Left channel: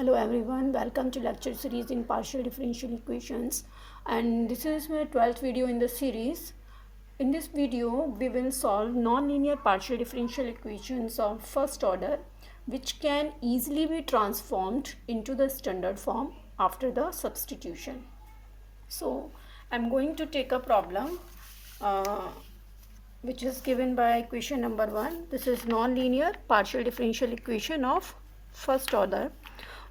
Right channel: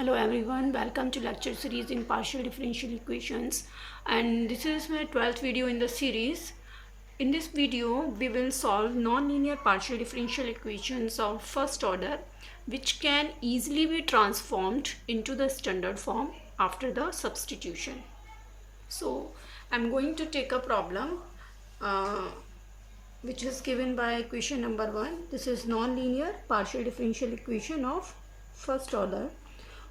Hello everyone, welcome to lecture series in partial differential equations, and this is my 12th video in the series. In this video we will solve non-linear partial differential equations of first order which can easily be transformed into the standard form after the substitution. So I'm going to take a problem which is given by equation number 1. This is non-linear partial differential equation of first order.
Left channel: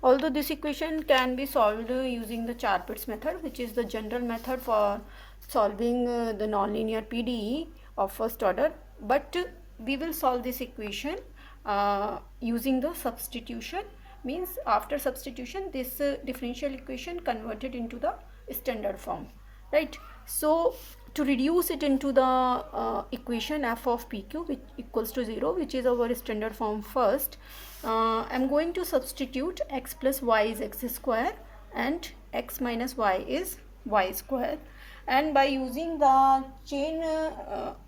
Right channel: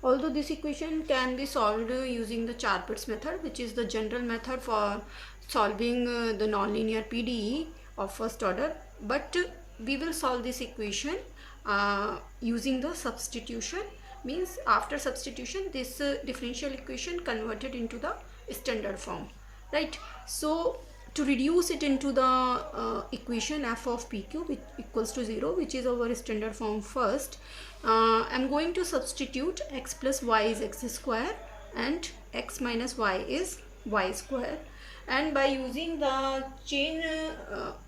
Although this equation can be solved using the Char-Pitts method, which is the general method for solving the nonlinear PDE of first order, but we will solve this equation using the substitution. Means after substitution this differential equation converted into the standard form, right? So to reduce it into the equation f of pq which equals to 0, which is our standard form first, I'm going to substitute x plus y is x square and x minus y is y square, and by using the chain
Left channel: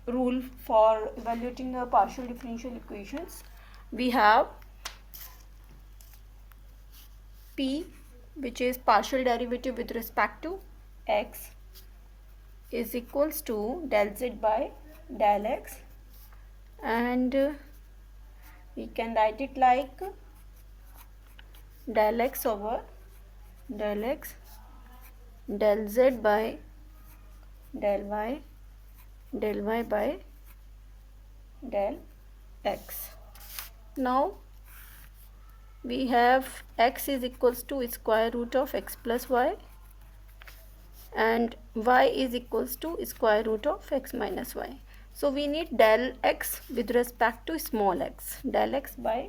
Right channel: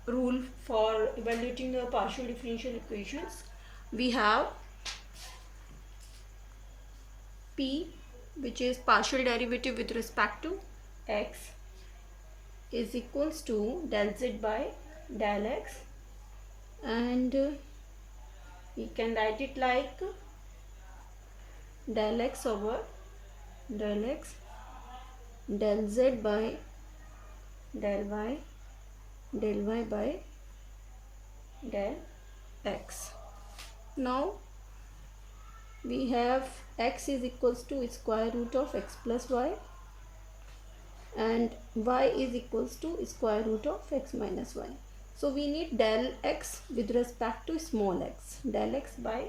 rule for evaluating the partial differential equations, we have p, which is partial derivative with respect to x, is equals to del z by del x, and we can write it like del x over del x, del z by del y by del x. Now we have x is equals to square root of x plus y and y is equals to square root of x minus y. So we need del x with respect to small x. Del x by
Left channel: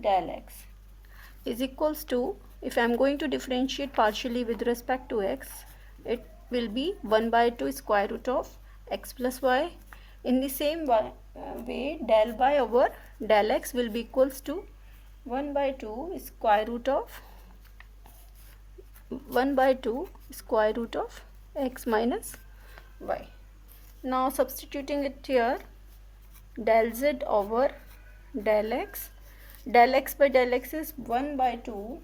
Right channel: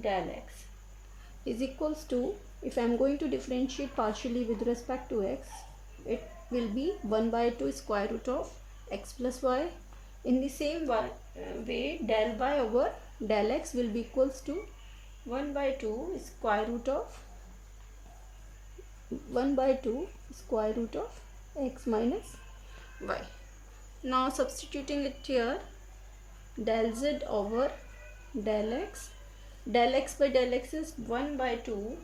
del x is equals to, if I am going to differentiate partially with respect to x, it will be 1 by 2 square root of x plus y. In the same way, del y over del x will be equals to 1 by 2 square root of 1 by 2 square root of x minus y. Now substituting it here, del z over del x by del x is 1 by 2,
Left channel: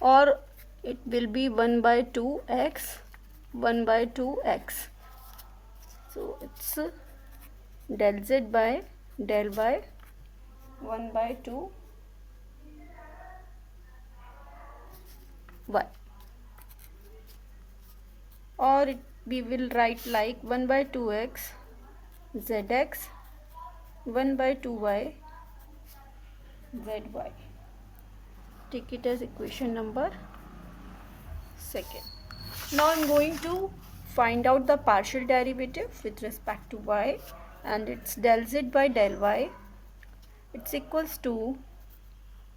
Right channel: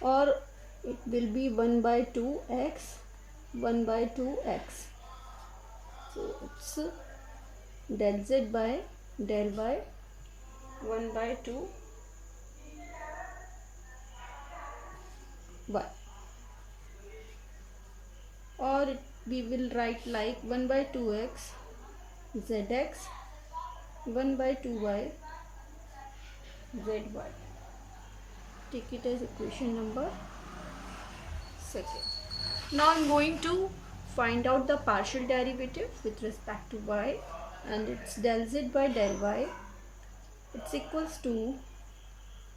or it will be 1 by 2x, 1 by 2x. So it's del z by del y 1 by 2 y, or we will write like 1 by 2x zx, 1 by 2y zy. Take it as equation number 2. Now I'm going to find out the partial derivative with respect to y, and it's del z by del y. It's equals to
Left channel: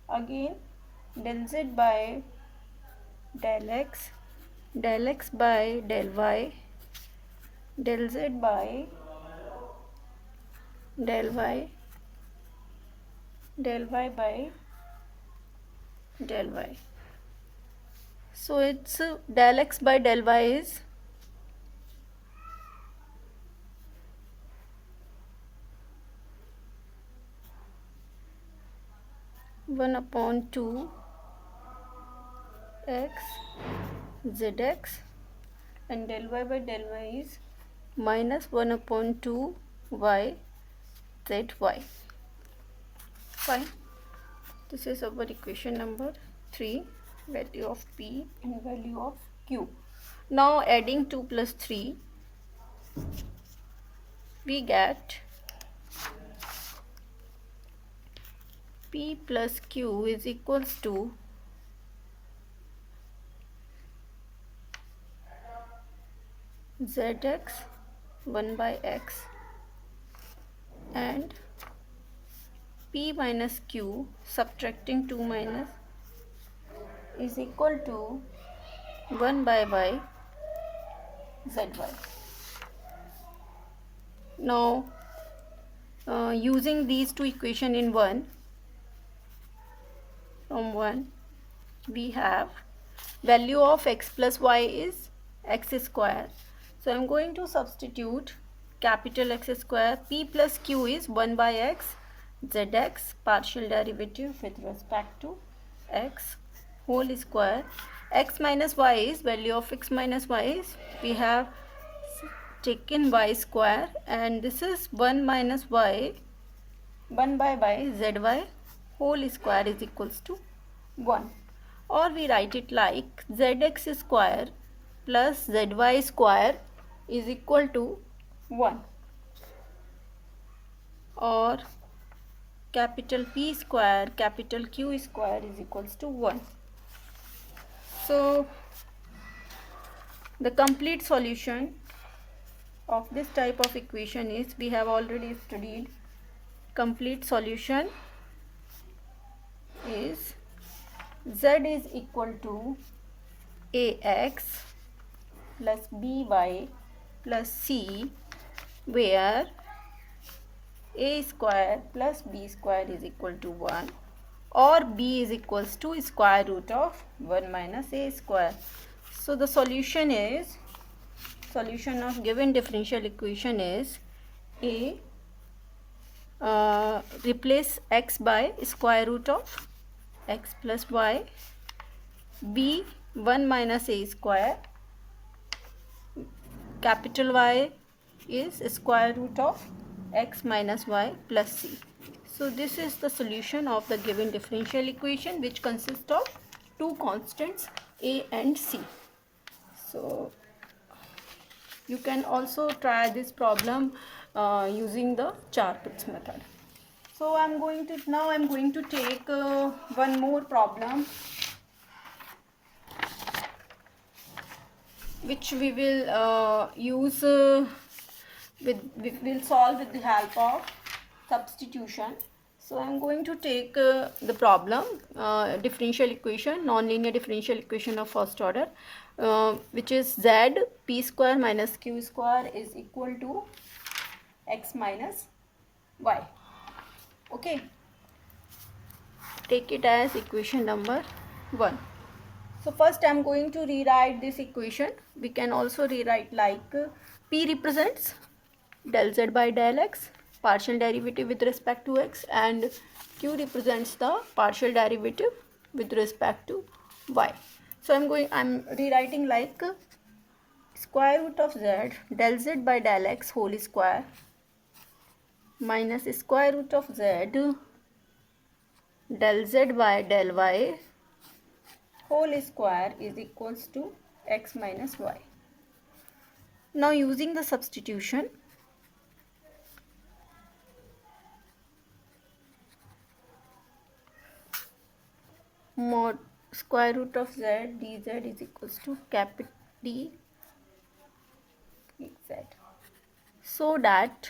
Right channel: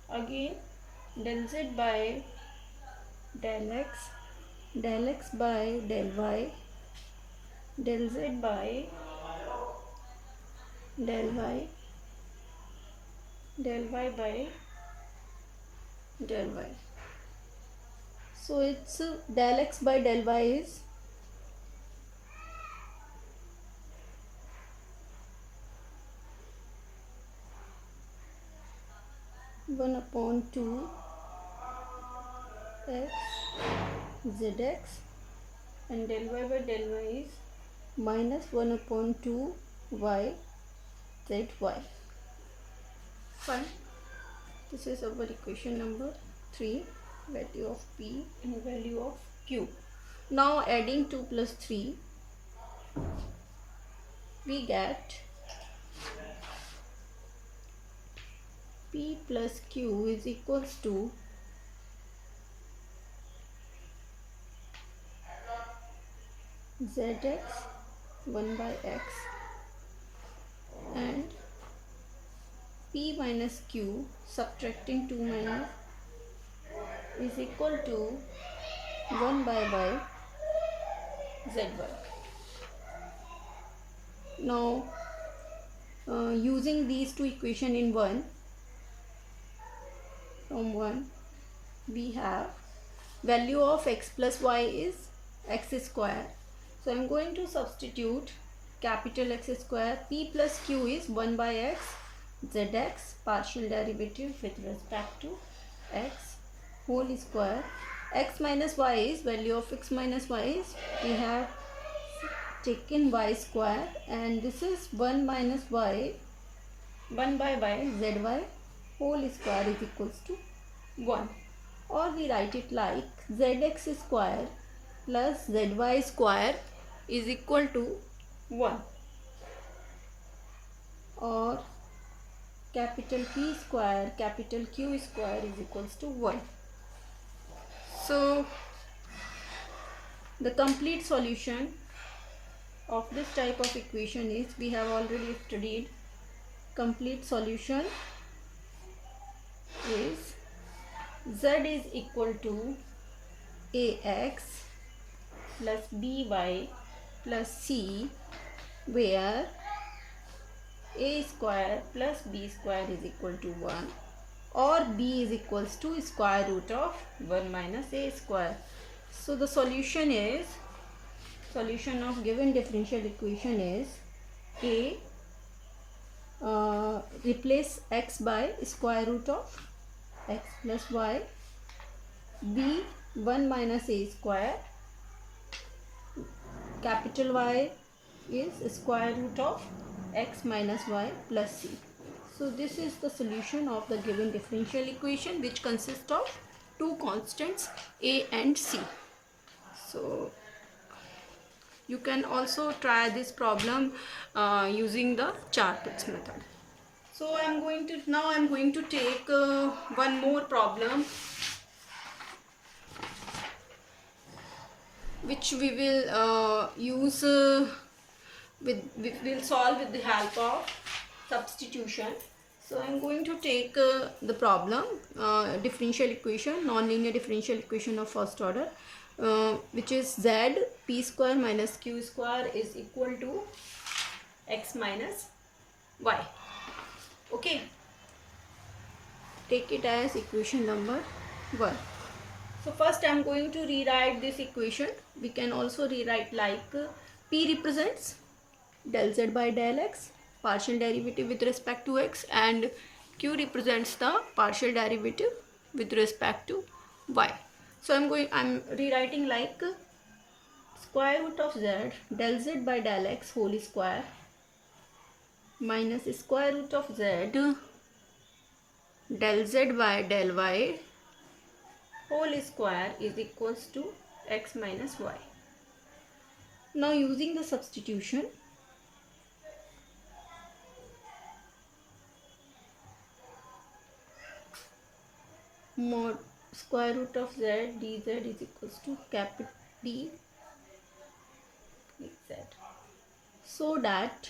again del z by del x by del y, del z by del y, del y by del y. So it's del x by del y is one upon 2 x zx, and del y by del y is minus 1 upon 2 y zy. Fine. This is our equation number 3, value of p and value of q. Now adding 2 plus 3, we get p plus q is equals to zx 1 by x and p minus q, subtracting 2 minus, is equal to 1 by y zy. Now using these two equations in one, from 1 we have value of x plus y is x square. So I'm going to substitute capital X square. P plus q is 1 by x zx, partial derivative with respect to x whole square. X minus y is value of x minus y is, we have taken y square, and this is 1 minus y, 1 by y, zy whole square is equals to 1. Or we write it like zx square plus zy square is equal to 1. Or capital P square capital Q square is equals to 1. So the complete solution of this type of equation is, we have already studied, complete solution is z is equal to ax plus by plus c, where a square plus b square is equal to 1, or b is equals to square root of 1 minus a square. So the solution is, solution of given differential equation is a, replace x by square root of x plus y, b 1 minus a square, capital Y is square root of x minus y plus c. So this is the solution of the given differential equation, which consists of two constants a and c. So you can also try this problem using the Char-Pitts method. So I'm going to take one more problem, which we will use we will solve with the help of substitution. So I'm going to take the problem, differential equation, non-linear differential equation of first order, which is z p square minus q square is equal to x minus y. Okay, take it as equation number 1. So first I'm going to rewrite this equation. We can also rewrite like p represents del z by del x, partial derivative with respect to x, and q represents the partial derivative with respect to y. So I'm rewriting like square root of z del z by del x whole square minus square root of z del z by del y whole square is equals to x minus y. Now using the substitution, mod square root of z dz is equals to capital D z, so that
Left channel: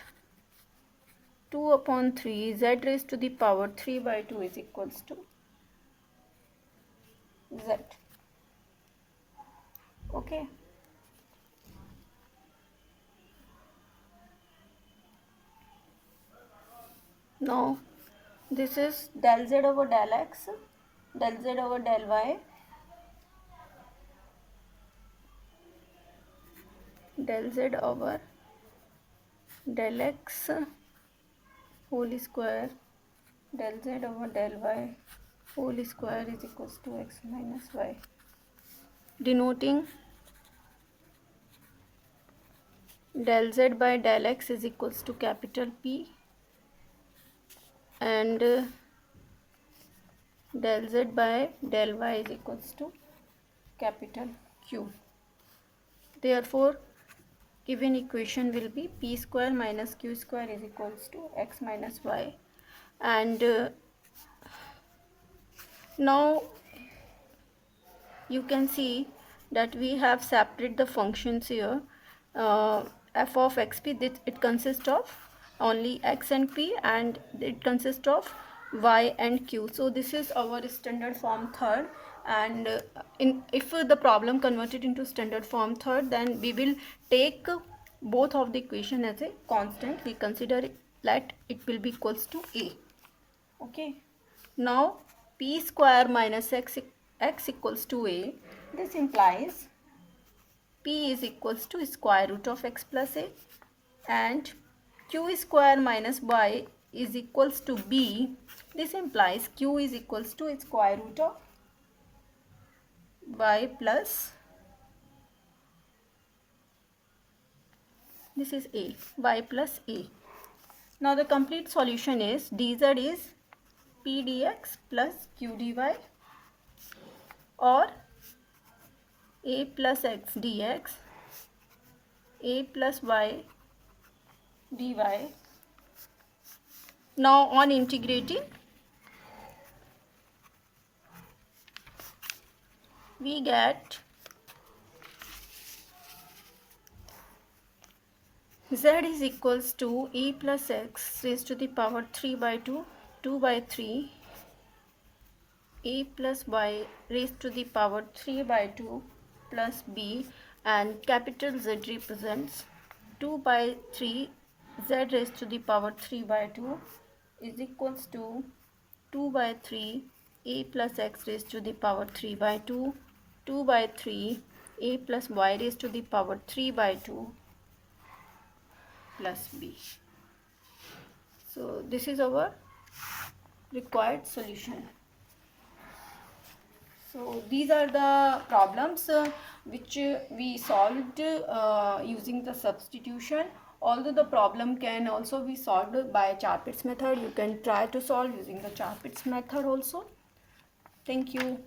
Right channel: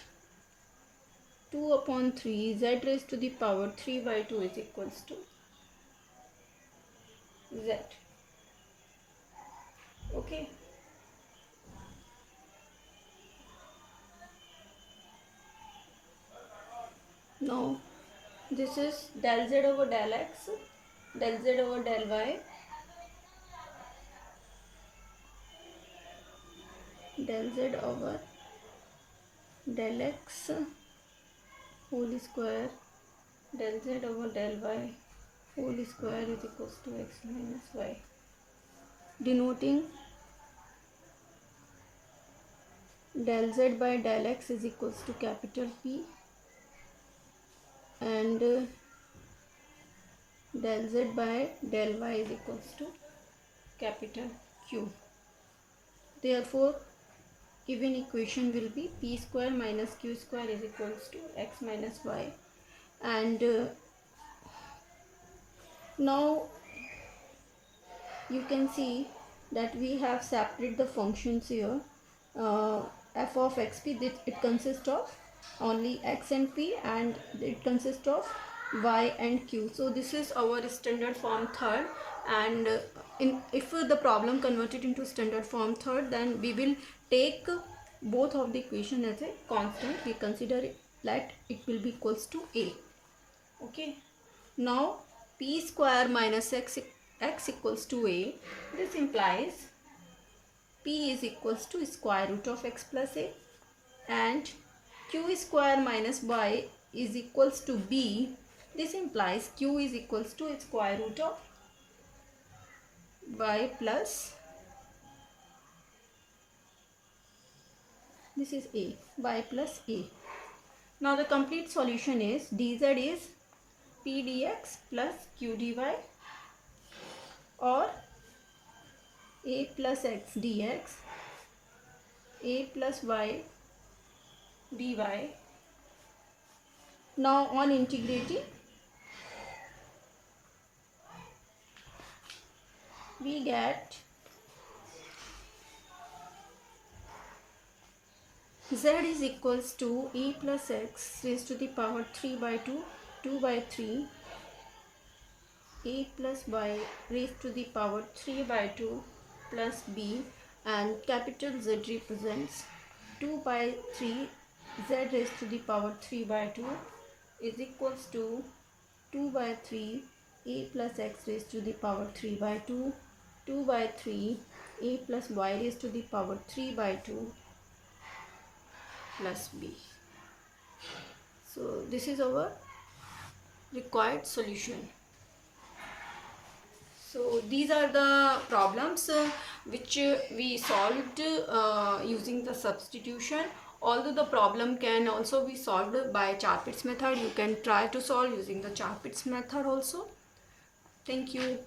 2 upon 3 z raised to the power 3 by 2 is equals to z. Okay, now this is del z over del x, del z over del y, del z over del x whole square, del z over del y whole square is equals to x minus y, denoting del z by del x is equals to capital P, and del z by del y is equals to capital Q. Therefore given equation will be p square minus q square is equals to x minus y. And now you can see that we have separated the functions here. F of xp, it consists of only x and p, and it consists of y and q. So this is our standard form third, and if the problem converted into standard form third, then we will take both of the equation as a constant. We consider it that it will be equals to a. Okay, now p square minus x equals to a. This implies p is equals to square root of x plus a, and q square minus y is equals to b. This implies q is equals to square root of y plus, this is a, y plus a. Now the complete solution is dz is p dx plus q dy, or a plus x dx, a plus y dy. Now on integrating, we get z is equals to e plus x raised to the power 3 by 2, 2 by 3, a plus y raised to the power 3 by 2 plus b, and capital Z represents 2 by 3 z raised to the power 3 by 2 is equals to 2 by 3 a plus x raised to the power 3 by 2, 2 by 3 a plus y raised to the power 3 by 2 plus b. So this is our required solution. So these are the problems which we solved using the substitution. Although the problem can also be solved by Char-Pitts method, you can try to solve using the Char-Pitts method also. Thank you.